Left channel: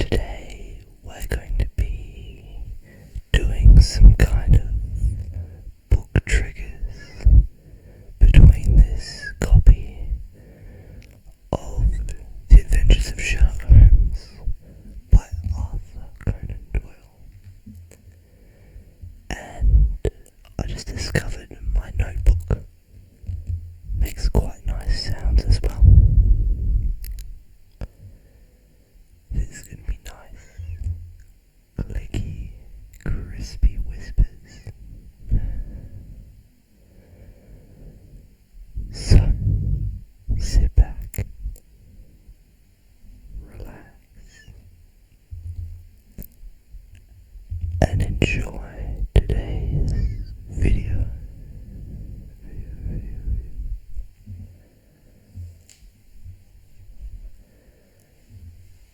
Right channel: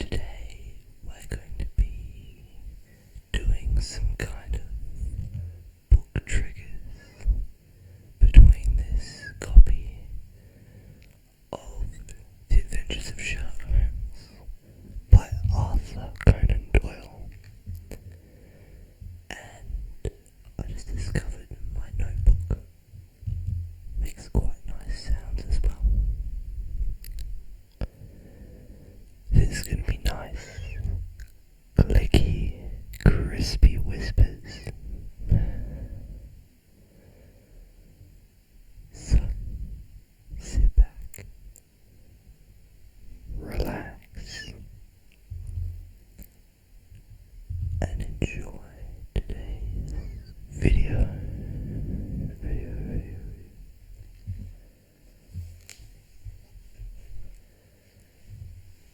Today we're going to be doing some kind of book triggers between this copy of The Adventures of Sherlock Holmes by Arthur Conan Doyle, and I just discovered my notebook makes quite nice sounds as well. This is going to be nice, clicky, crispy whispers. So, sit back, relax, and enjoy today's video.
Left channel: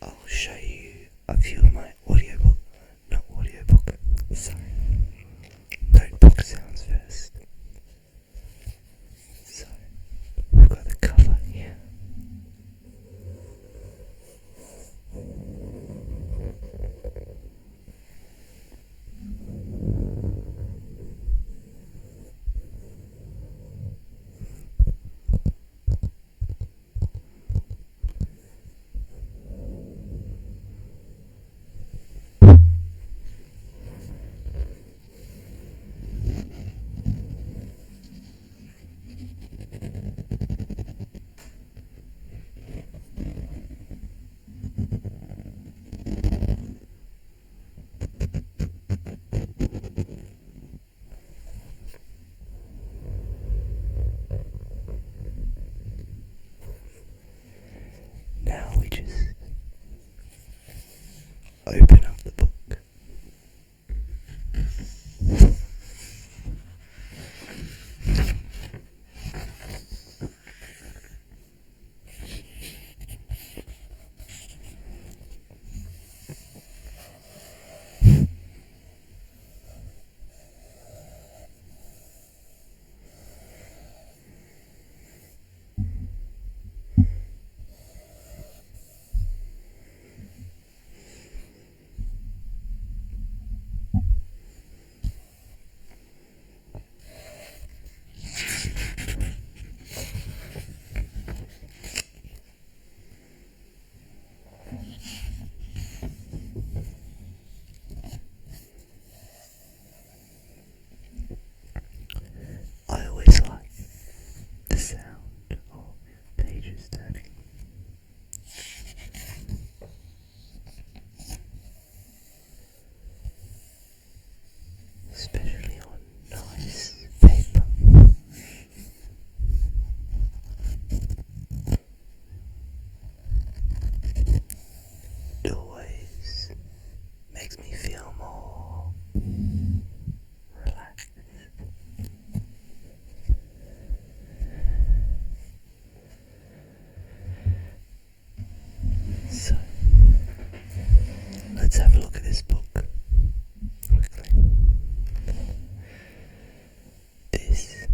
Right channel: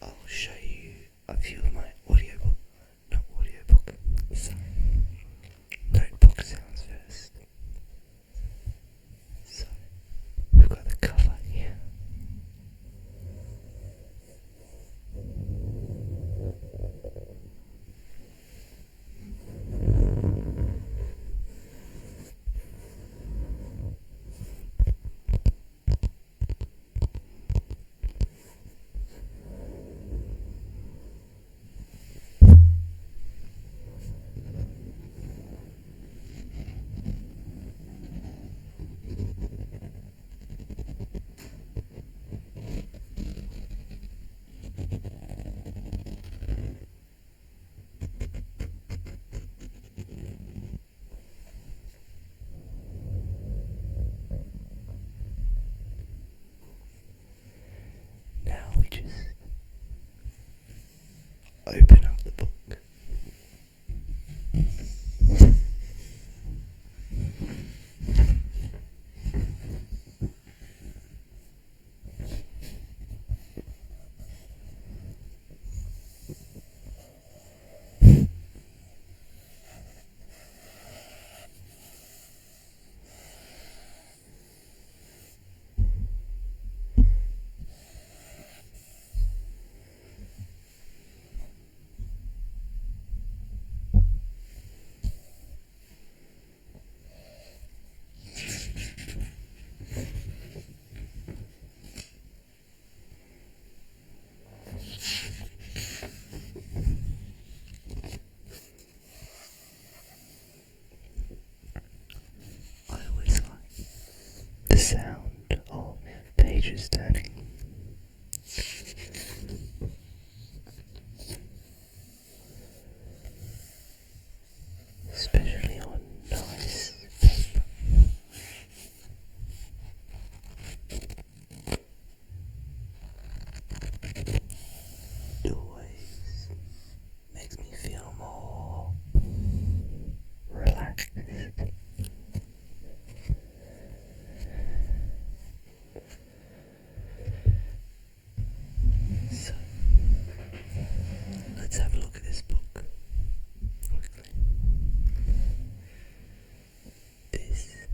I'll show you a few of my notebook sounds first. So, we've got the cover here. Now we just open up the book. I always like the sound of pages turning. Especially on nice paper. It always makes me feel more relaxed. So, let's have a look at this book quickly. This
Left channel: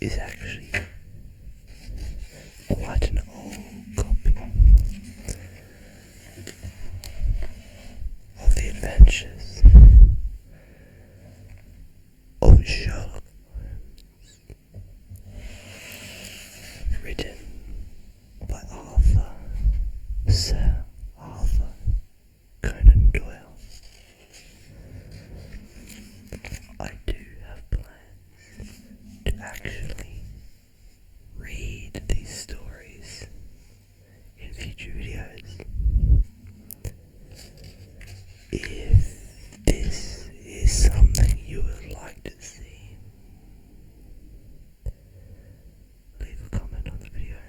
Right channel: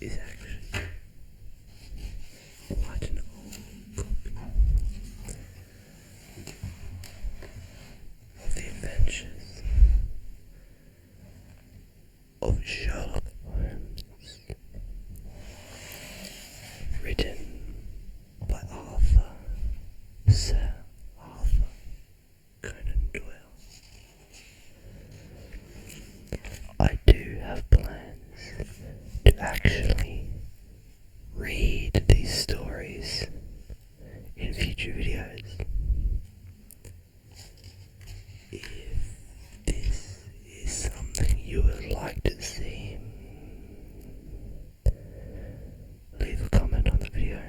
is actually quite an old copy of The Adventures of Sherlock Holmes, written by Sir Arthur Conan Doyle. I do have plans to actually read these stories in future videos. If this is something you would like to see, leave a comment on the video.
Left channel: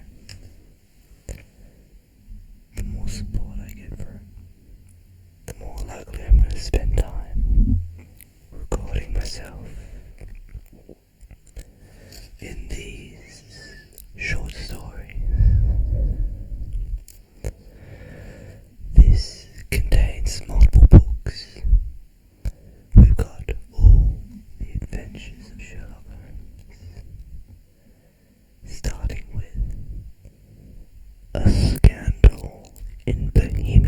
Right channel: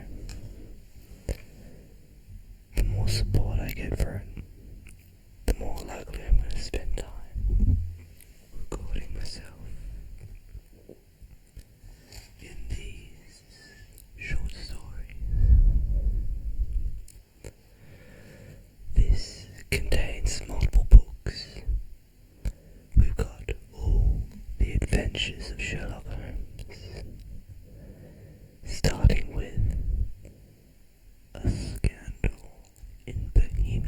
The more support I get for it, the more likely I'm going to spend time recording myself in these short stories. This contains multiple books. We've got all the adventures of Sherlock Holmes, starting with a scandal in Bohemia.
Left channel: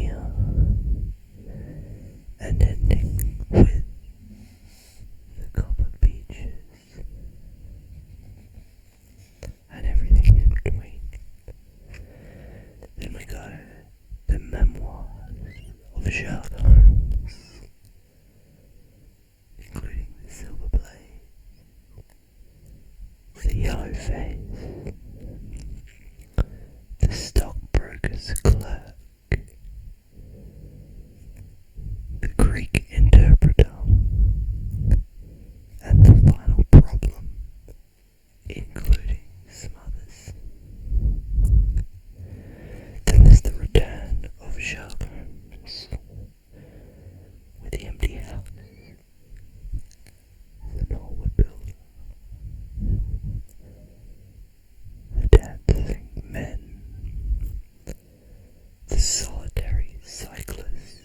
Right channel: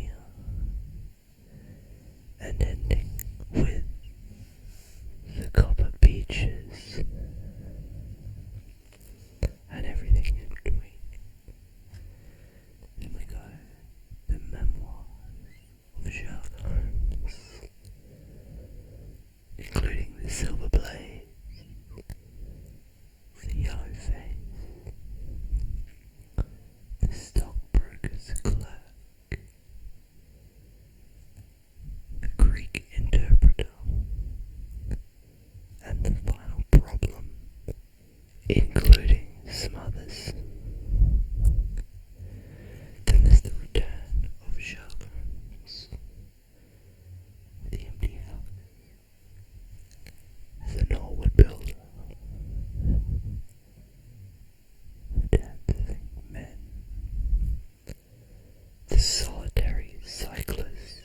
the solitary cyclist,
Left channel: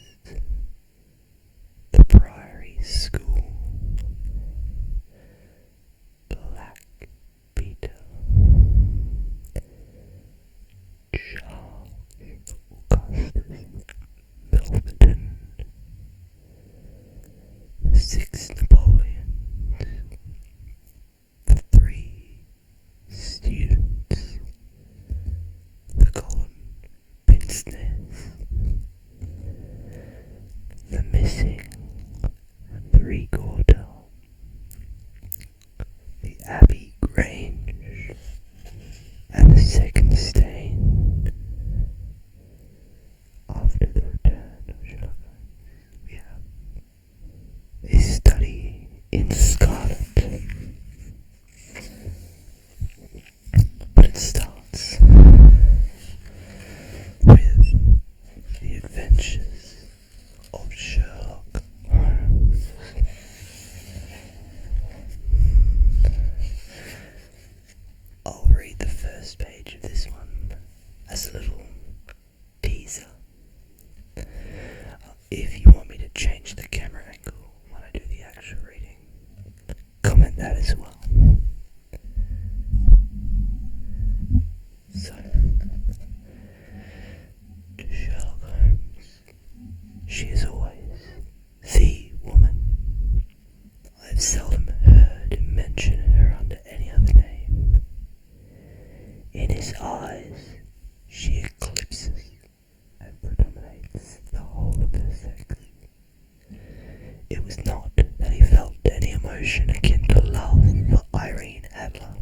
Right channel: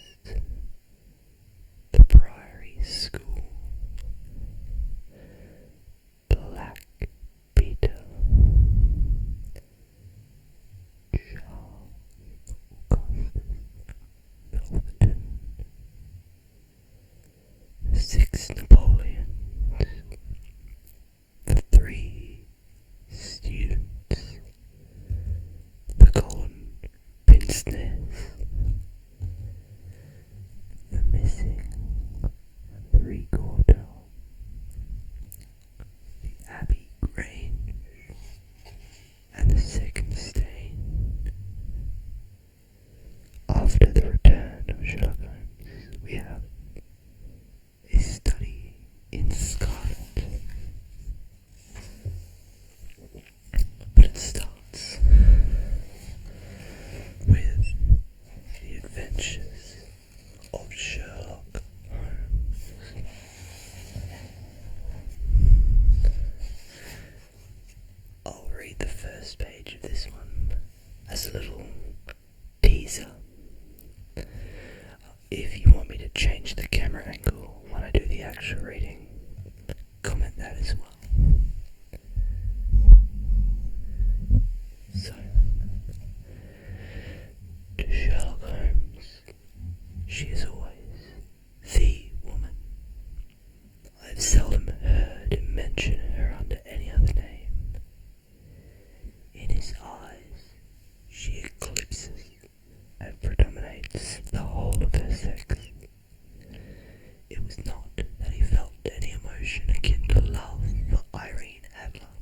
the priory school, Black Peter, Charles Augustus Milverton, the 6 Napoleons, the 3 students, the golden pince-nez, the missing 3-quarter, the Abbey Grange, and the second stain. After the return of Sherlock Holmes, we have a study in scarlet. But it starts with the adventures of Sherlock Holmes. I'll read the first page of this one as a little teaser. If you want me to change the camera angle when I do the actual reading, comment that as well. So, to Sherlock Holmes, she is always the woman. I have seldom heard him mention her under any other name. In his eyes, she eclipses and predominates the whole of her sex. It was not that he felt any emotion akin to love for Irene Adler.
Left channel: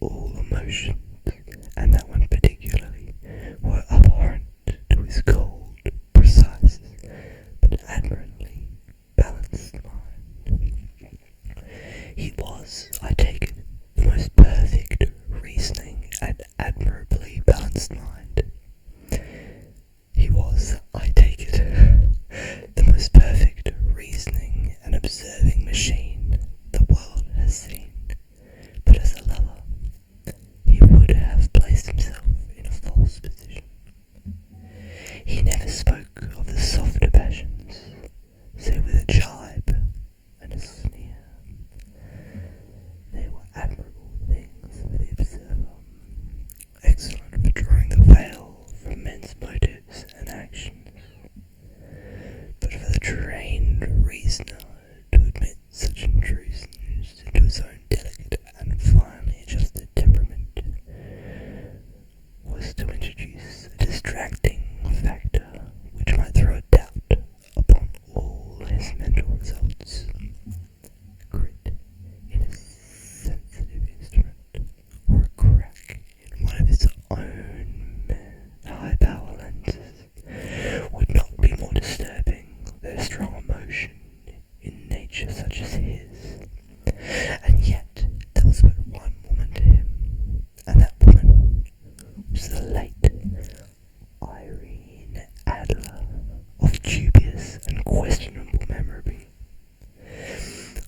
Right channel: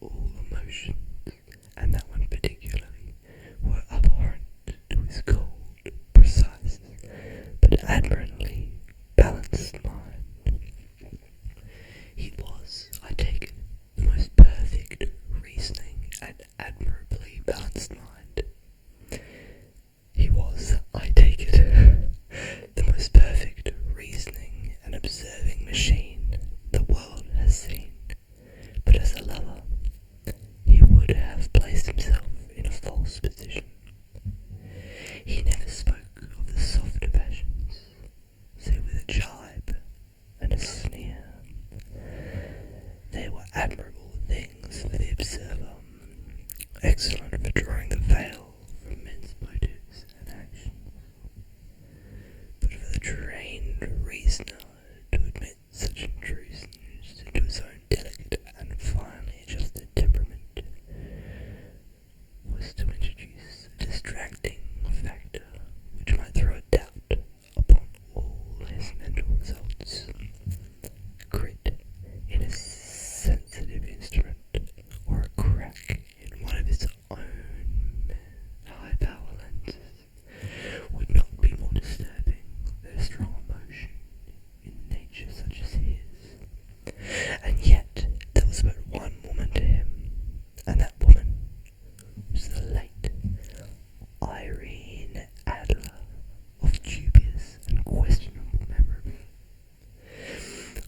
All emotions, and that one particularly, were abhorrent to his cold, precise, but admirably balanced mind. He was, I take it, the most perfect reasoning and admirably balanced mind. He was, I take it, the most perfect reasoning and observing machine the world has seen. But as a lover, he would have placed himself in a false position. He never spoke of the softer passions, save with a jibe and a sneer. They were admirable things for the observer, excellent for drawing the veil from men's motives and actions. But for the trained reasoner to admit such intrusions into his own delicate and finely adjusted temperament was to introduce a distracting factor which might throw a doubt upon all his mental results. Grit in a sensitive instrument, or a crack in one of his own high-power lenses, would not be more disturbing than a strong emotion in nature such as his. And yet there was but one woman to him, and that woman was the late Irene Adler, of dubious and questionable memory.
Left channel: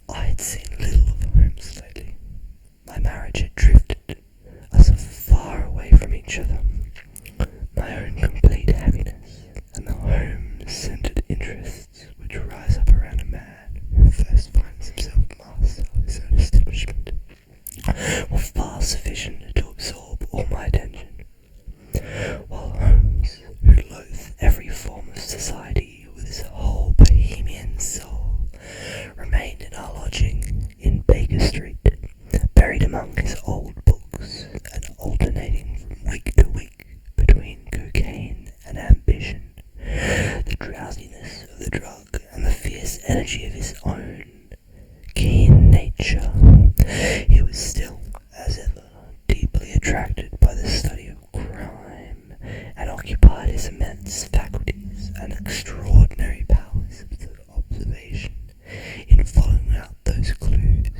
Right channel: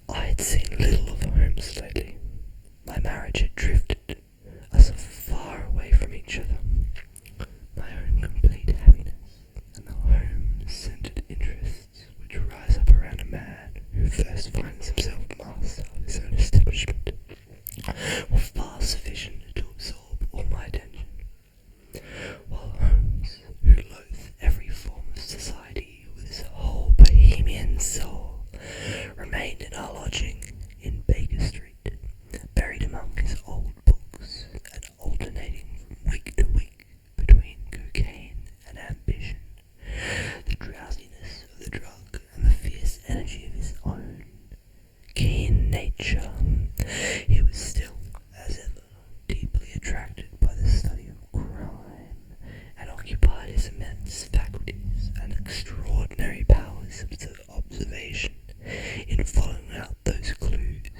I had seen little of Holmes lately. My marriage had drifted us far away from each other. My own complete happiness and the home-centered interests which rise up around a man who first finds himself master of his own establishment were far sufficient to absorb all my attention, while Holmes, who loathed every form of society with his whole bohemian soul, remained in our lodging in Baker Street, buried among his old books and alternating from week to week between cocaine and ambition, the drowsiness of the drug and the fierce energy of his own keen nature. He was still, as ever, deeply attracted by the study of crime, and occupied his immense faculties and extraordinary powers of observation in following out those clues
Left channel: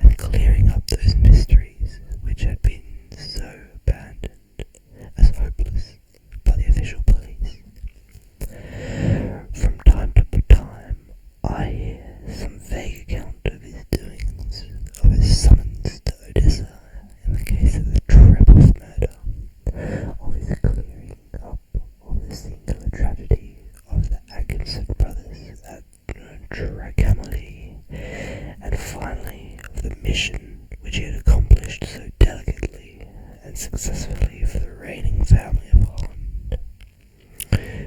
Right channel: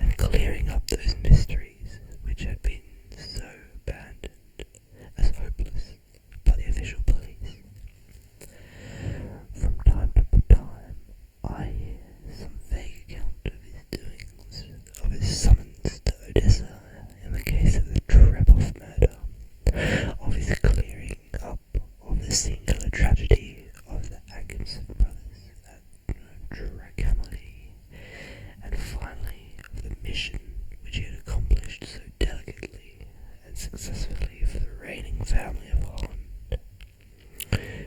and clearing up those mysteries which had been so abandoned as hopeless by the official police. From time to time, I hear singular tragedy of the Atkinson brothers at Trincomalee, and finally of the mission which he had accomplished so delicately and successfully for the reigning family of Holland.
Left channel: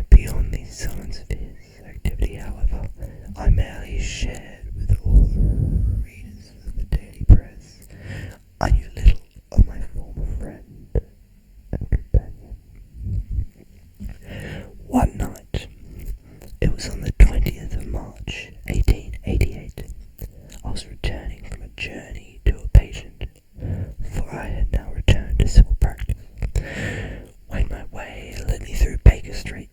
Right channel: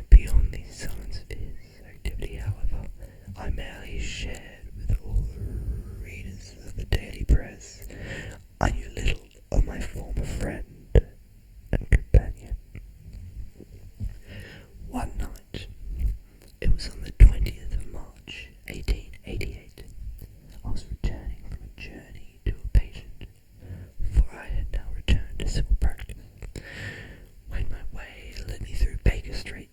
Beyond these signs of his activity, however, I merely shared with all the readers of the daily press. I knew little of my former friend and companion. One night, it was on the 20th of March, 1888, I was returning from a journey to a patient, for I had now returned to civil practice, when my way led me through Baker Street.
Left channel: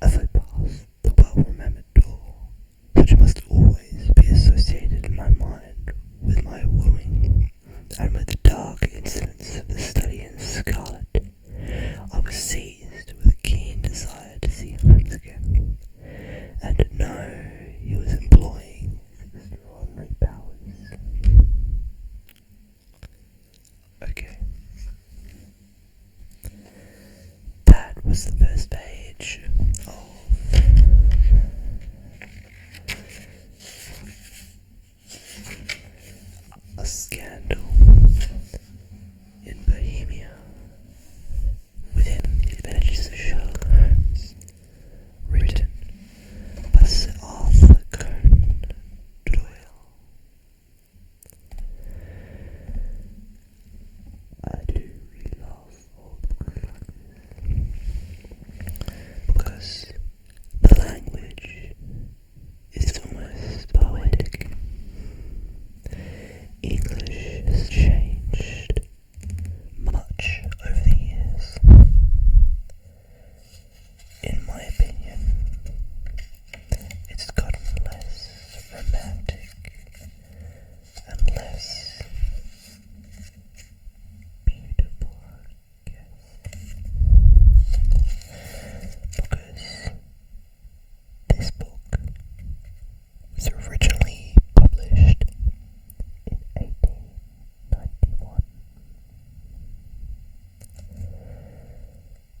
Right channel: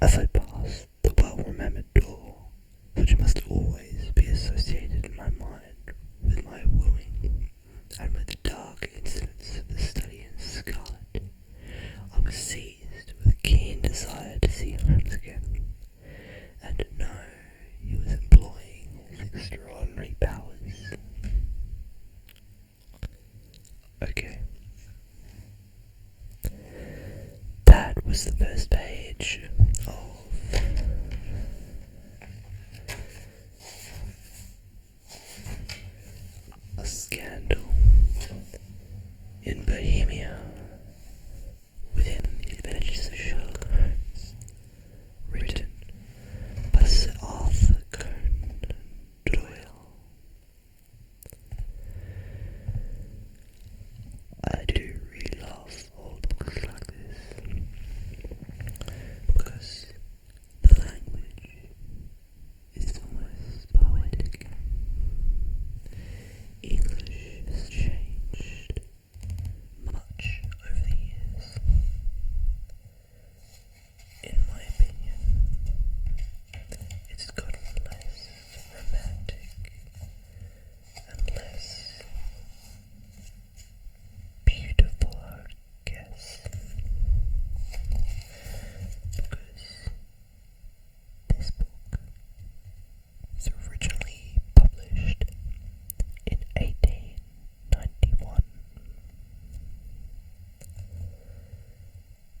As I passed the well-remembered door, which must always be associated in my mind with my wooing, and with the dark incidents of the study in scarlet, I was seized with a keen desire to see Holmes again, and to know he was employing his extraordinary powers. Okay. That was the first page of A Scandal in Bohemia within the adventures of Sherlock Holmes, written by Sir Arthur Conan Doyle. I do really love old books like this, because the language is almost poetic. English has changed much over the years. In my opinion, it's gotten less romantic and less beautiful, I guess, because this book was originally published in 1891.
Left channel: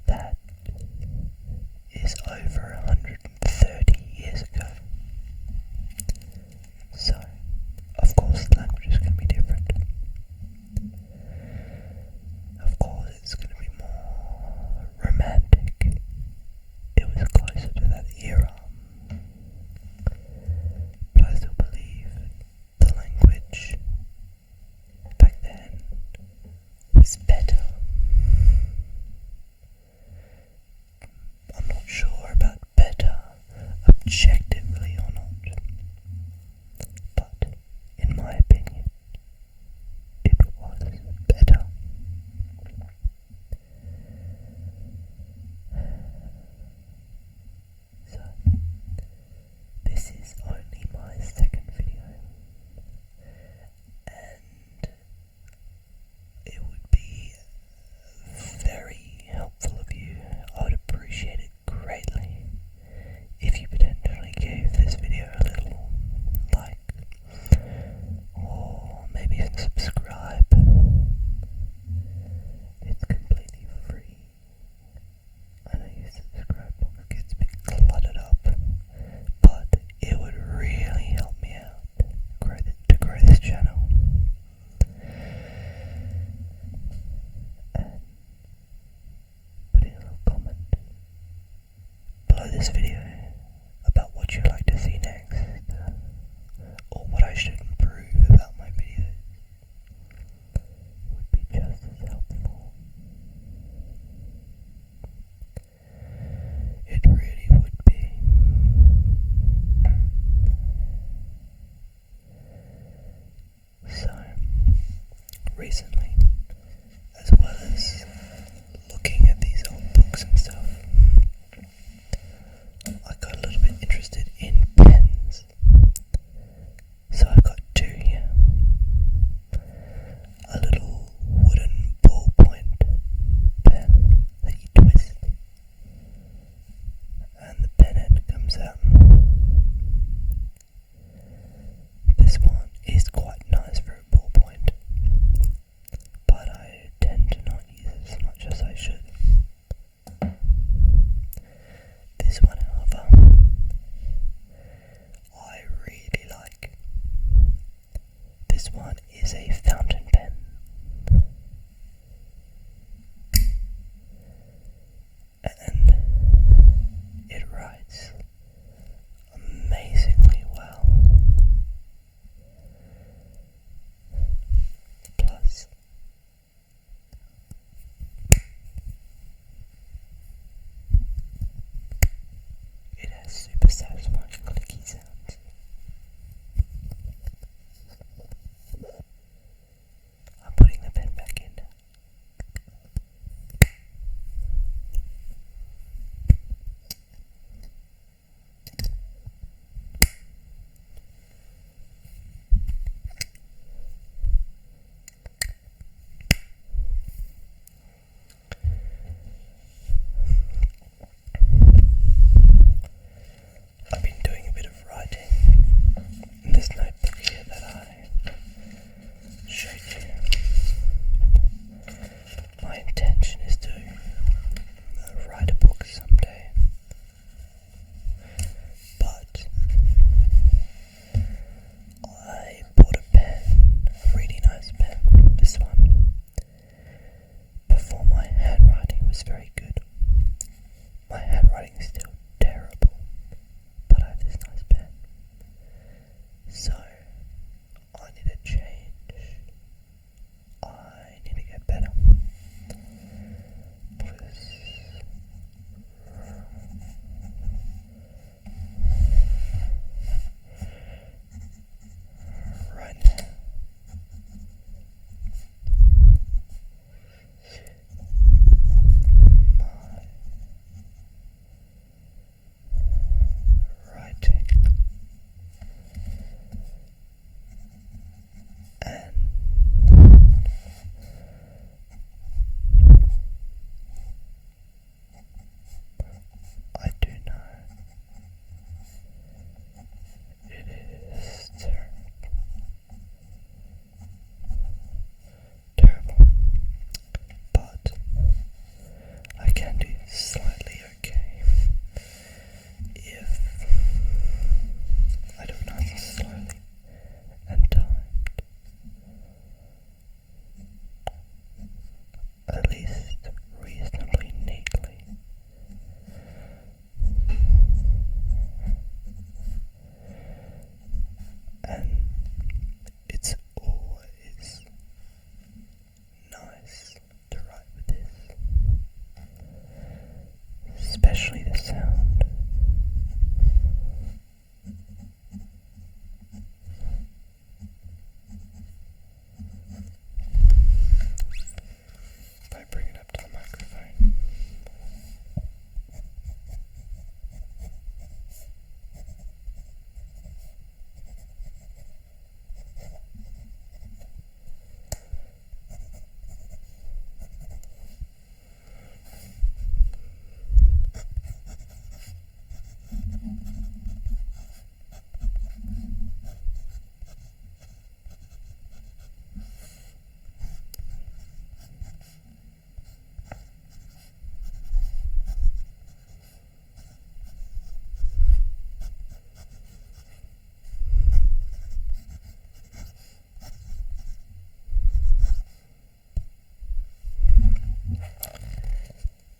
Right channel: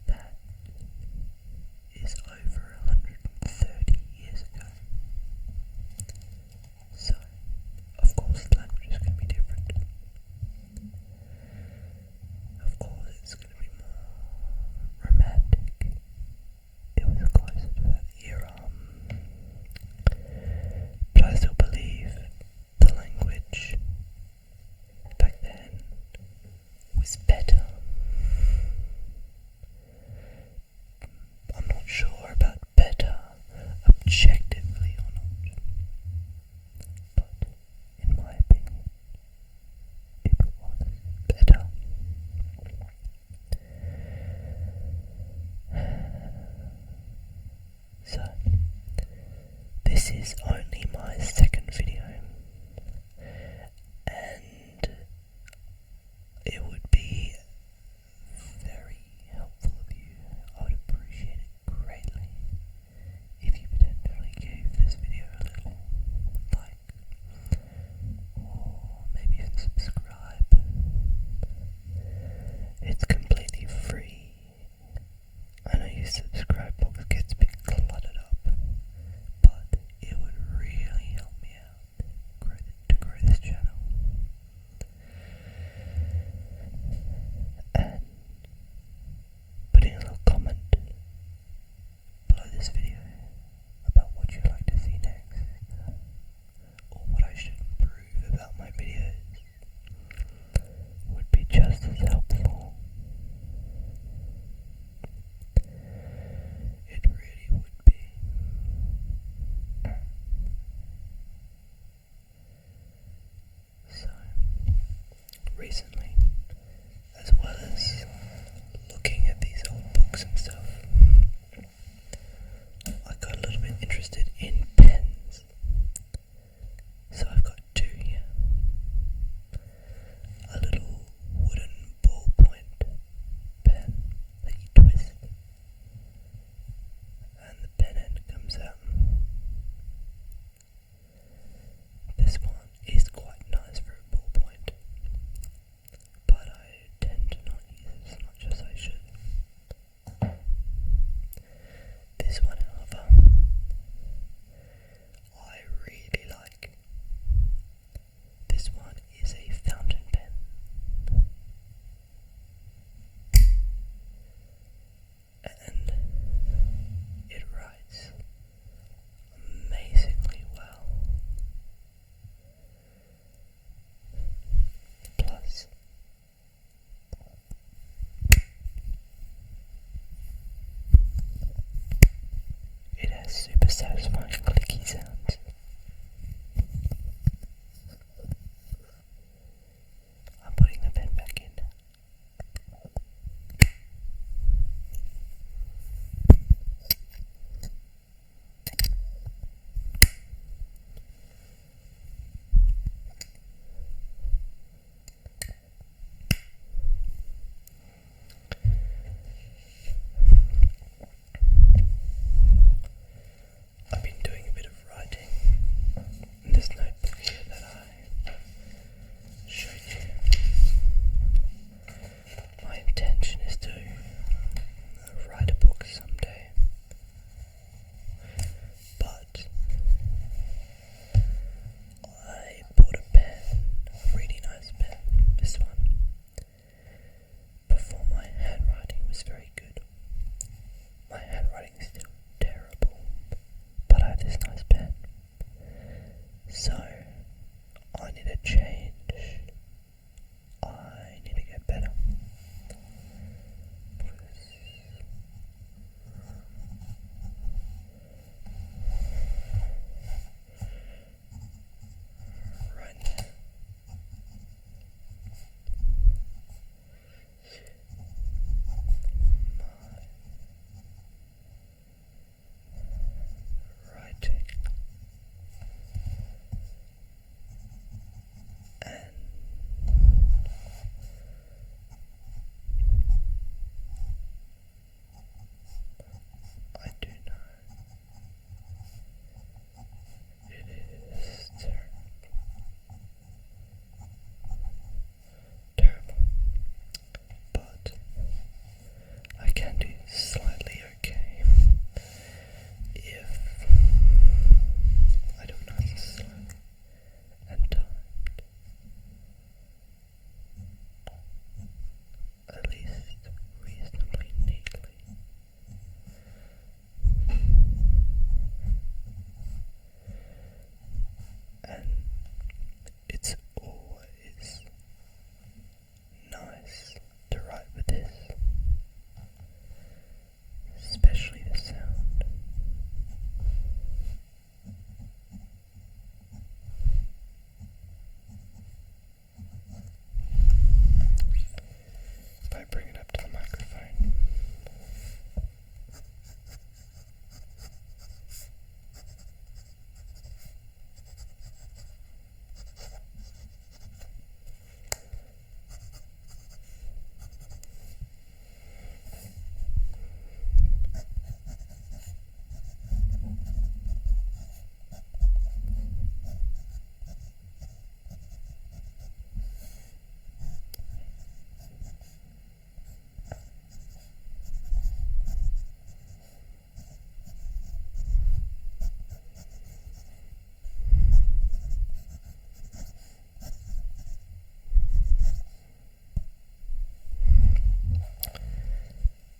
That is over 130 years ago. So, of course, the language is going to be different. Of course, it's going to be more romantic. It was closer to that era. But I still believe the language back then was better. I'm not sure about better objectively or not, but in my opinion, it was better. So, this is only my second video, and it would be very helpful of you. I would appreciate it greatly if you potentially gave this video a little like, or maybe even subscribe. It's completely free. I know your subscribe box gets a bit cluttered up, but it would really help me out to grow this channel. And put in a little comment below this video about what you'd like to see next, or what I should improve about my videos. Would be just as helpful. It really would be. So, recently, as well as looking at these old books and stuff, I got a little bit interested in pens. So I've got two here. A little wooden ballpoint pen that you twist, and the pen end comes out. This one is quite nice for a ballpoint, but I tend to not use it as much as I should. super satisfying clicky sounds. I'm putting the pen back in now. I've been doing a bit of writing in this notebook here that I showed you. My intention is to write a book someday, but I bought a pen, a really nice pen, this one, before my handwriting was very good. My handwriting is still terrible, but I have this nice pen, so I need a change. I need to get better. Right now, my writing and I do know it is terrible, but I can do slightly okay if I do it nice and slowly and timed, at least reasonably neatly. And it's always nice to write with this, especially the sound. If I bring it up to the microphone.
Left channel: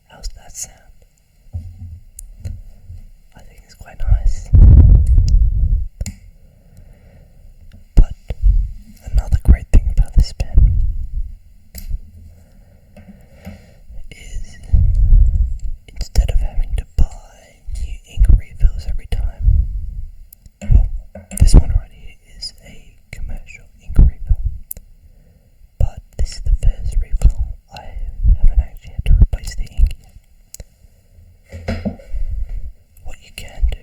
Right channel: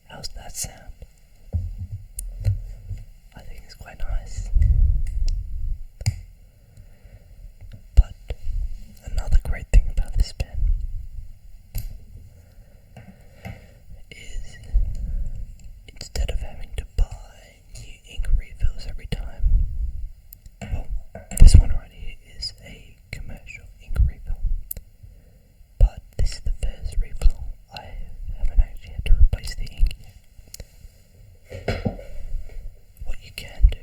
How's that sound? I think it's quite nice. But another great thing about this pen is instead of having to buy new ink refills every time, well, this one right here is a commercial ink refill, but this is the first refill I haven't actually had to replace the ink yet. What you can do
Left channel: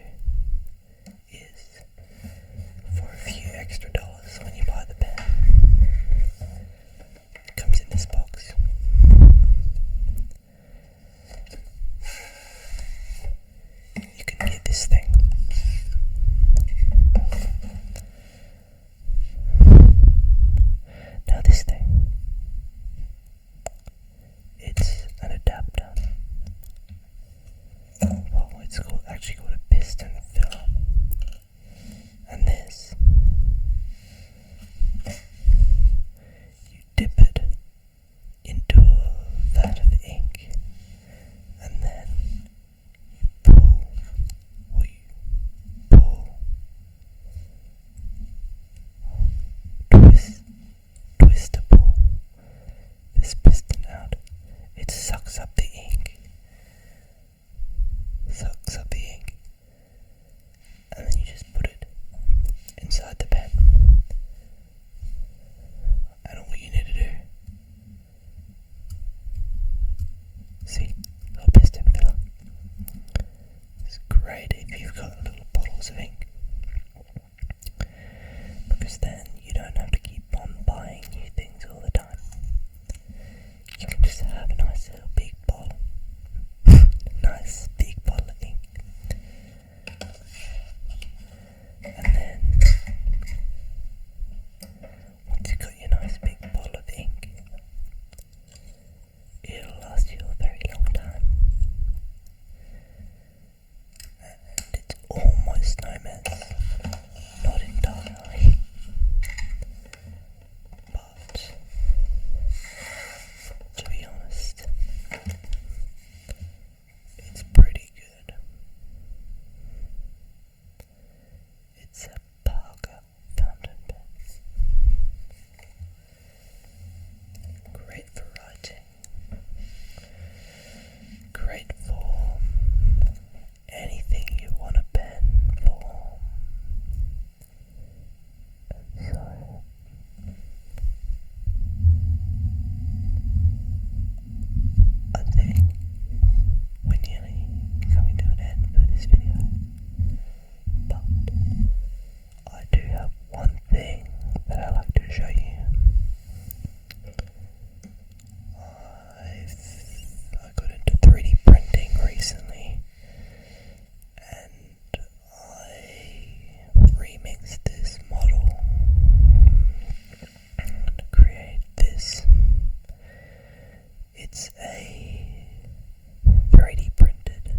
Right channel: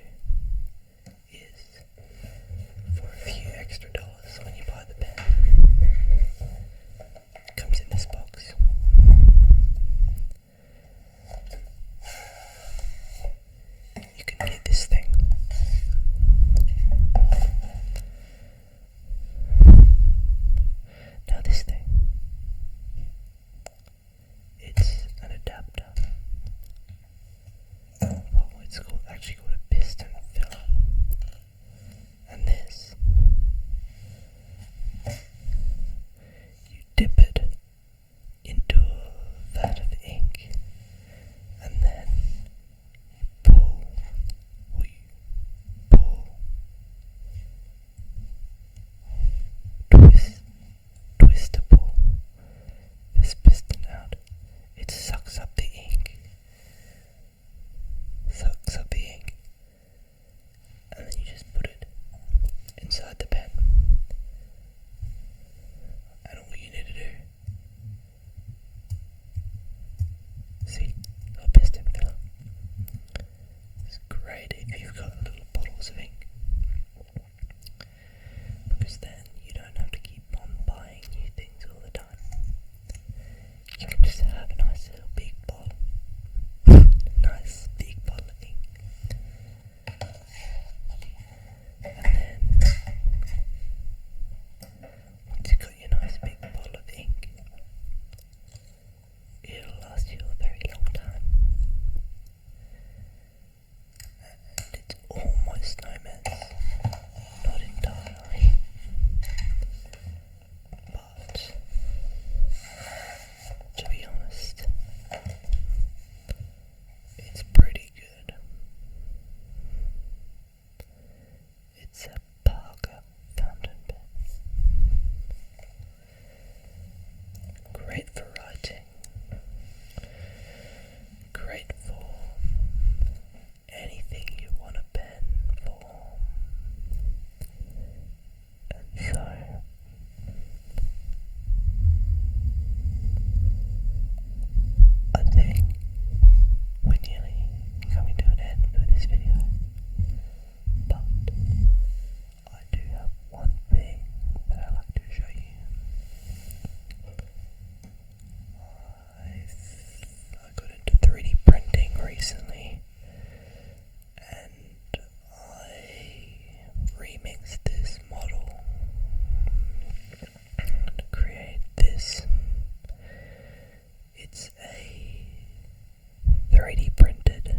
is, for a few extra dollars when you buy the pen, it comes in this box. You can get this thing. Now this thing, it's an adapter. Well, it's actually called a piston filler. And this, you dip it into a vat of ink, and then you pull, or you pull, twist to pull this piston out. It sucks up the ink, bottles of ink, because then you don't have to keep on buying new things all the time. You can just have a nice little big bottle, nice big bottle of ink, and then once you've got your nice big bottle of ink, it'll last you a very long time, and it's almost no mess, not entirely, but to be honest, it's pretty good. It's a Parker fountain pen. Great for writing. Great for anything you want a pen for. So I think we're nearly coming to an end for this video, but I do have one thing that I like to show you. I got into 3D printing recently, and I remixed this model to create this. It's a 3D printed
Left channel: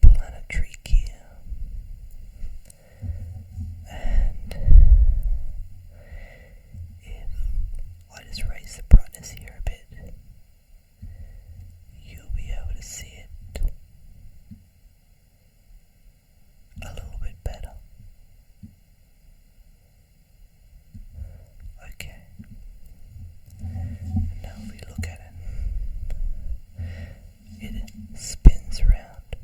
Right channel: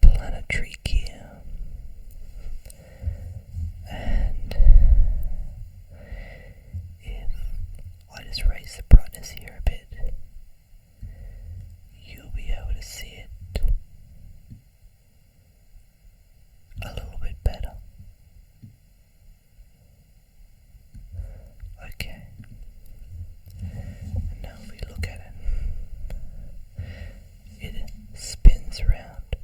planetary gear, and if I just raise the brightness here a bit, you'll be able to see it a little bit better. Okay, and now if we look at it, it spins around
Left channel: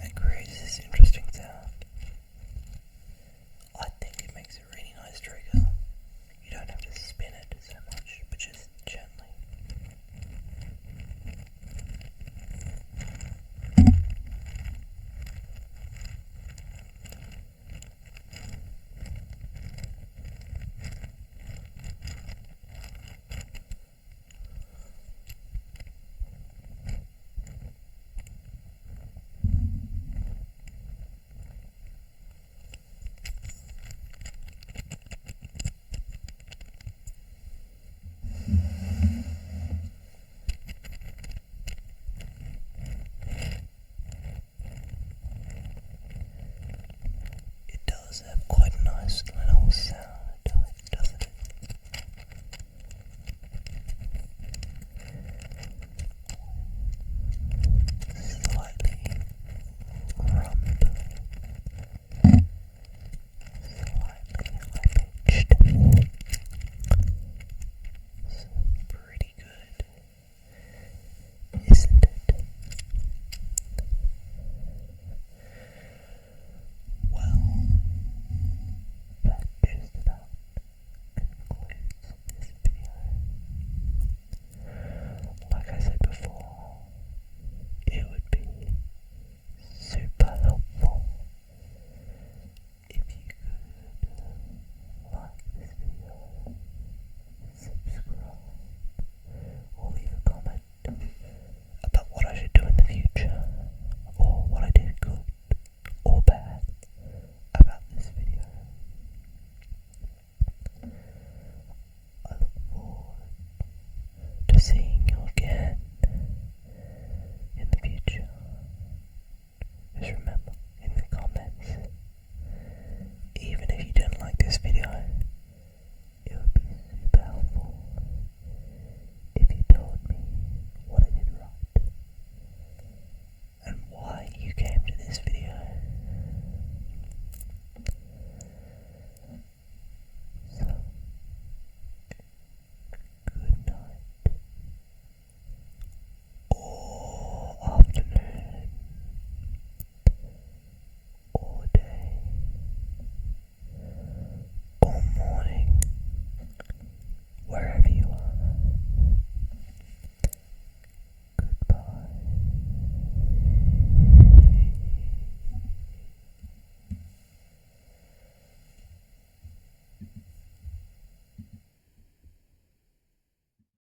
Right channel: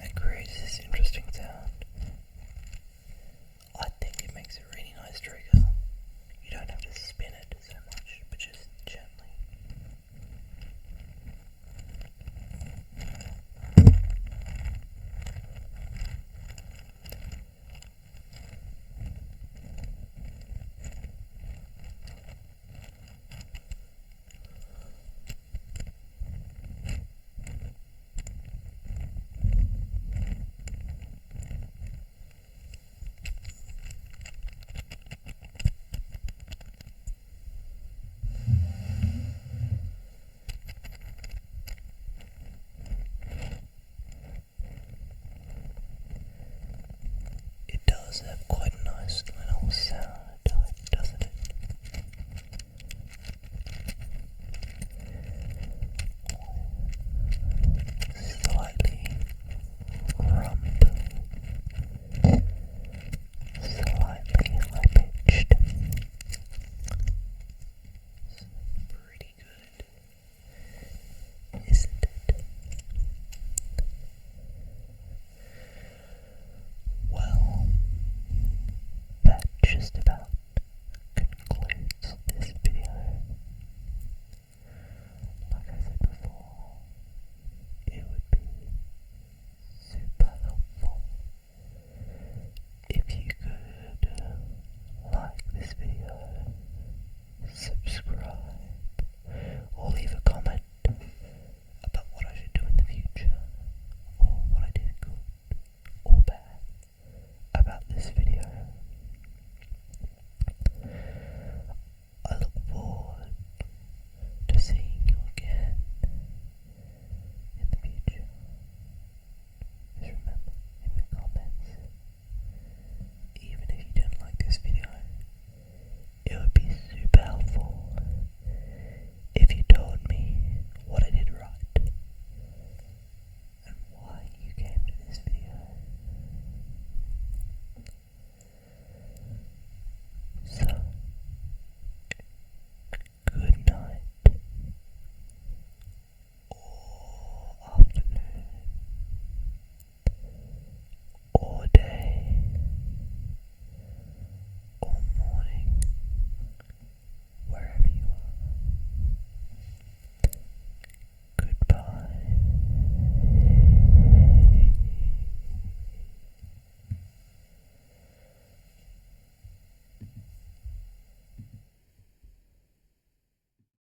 and creates this interesting sound. I think it makes a really nice trigger. You don't have to spin it so much, but just gently. It does have quite a nice little sound.